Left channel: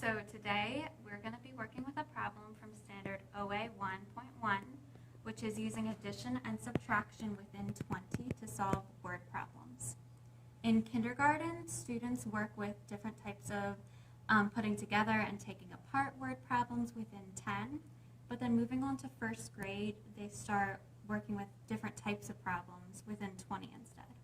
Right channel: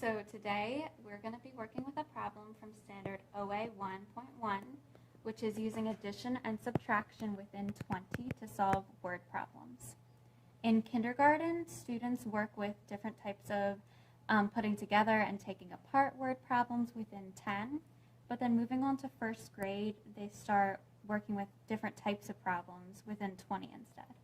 So today we're going to be working with a problem from Standard OA 1.1, which is using addition and subtraction within 20 to solve word problems. In kindergarten, students work with different types of putting together and taking apart word problems within 10, but then moving on to first grade, they start working with different types of problems within 20 instead.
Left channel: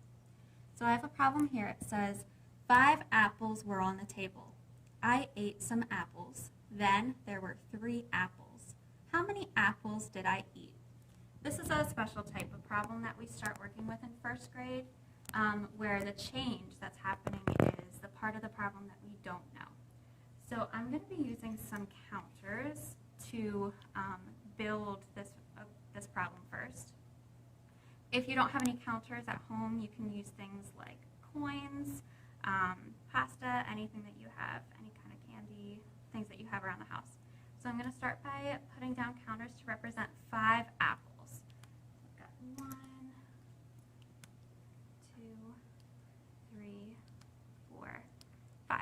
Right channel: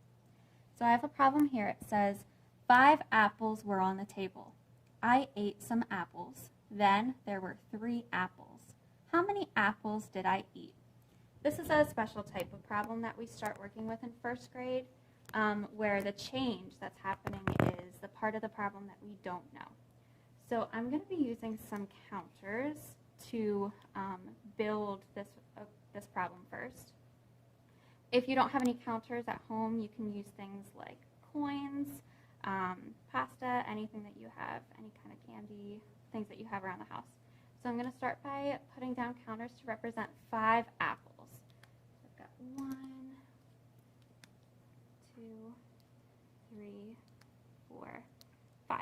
So I have a problem here. It says, 5 apples were on the table. I ate some apples. Then there were 3 apples. How many apples did I eat? This is a special type of problem that we start working with in first grade, where the change that's happening is the part of the problem that we don't know. So I'm going to be using some counters to build this problem first. If you don't have any counters at home, you can use things like coins, pasta, anything that you have, any kind of candy, things that you have around the house. So I'm going to start by putting down counters to represent 5 apples. So I've got 1, 2, 3, 4, 5.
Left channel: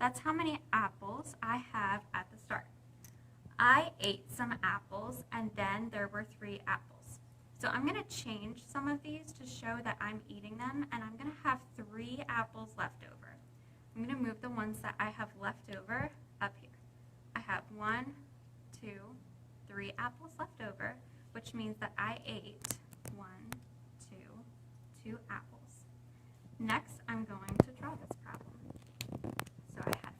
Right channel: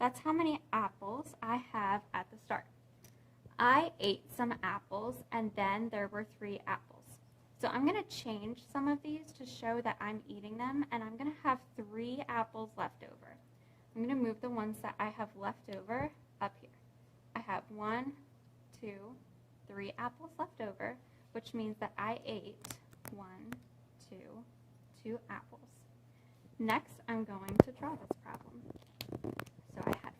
That's how many apples I have at the start. I ate some apples, and then there were 3 apples. So I'm going to change some of these to show that I'm eating them, and I'm going to have 3 apples left over. I'm going to move the ones that I have left over up here. I have 1, 2, 3 apples left over, which means that I ate 1, 2 apples. Next, I'm going to draw this problem. So I had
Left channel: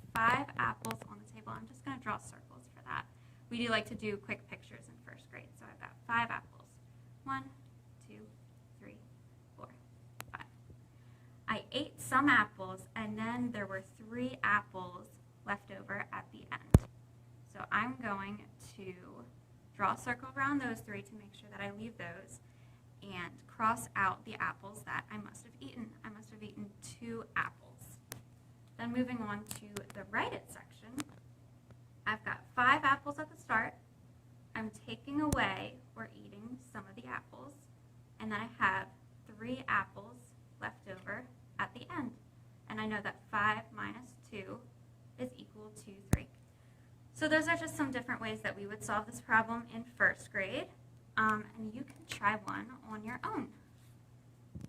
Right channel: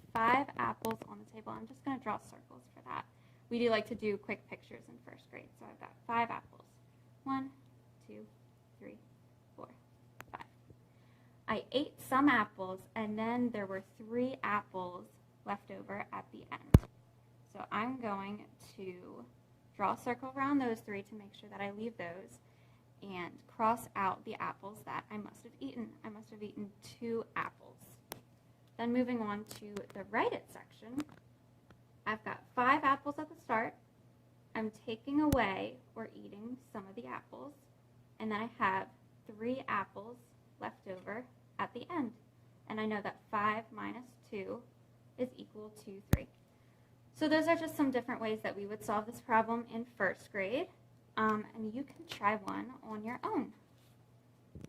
5 apples on the table. I'm just going to draw circles for that. We do like to do quick pictures in first grade, so I've got 5 apples. 1, 2, 3, 4, 5. I ate some apples, and then there were 3 apples left over at the end. So I'm going to draw a circle around those 3 to make sure that I leave those, and cross out the apples that I must have eaten. I must have eaten 2 apples. Then moving on to the write it section, I've got 5 apples at the start. I'm taking away or eating some of the apples, and then I have 3 apples left over at the end. And I know that 5 minus 2 is equal to 3. So those are just some different ways that we would solve this problem in first grade, and you can try one on your own.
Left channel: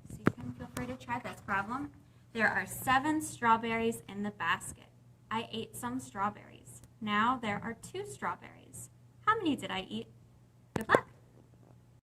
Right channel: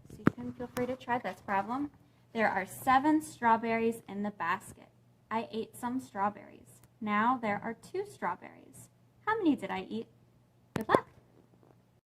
So you can feel free to try this problem. There are 7 strawberries in the basket. I ate some strawberries. Now there are 2 strawberries. How many did I eat? Good luck!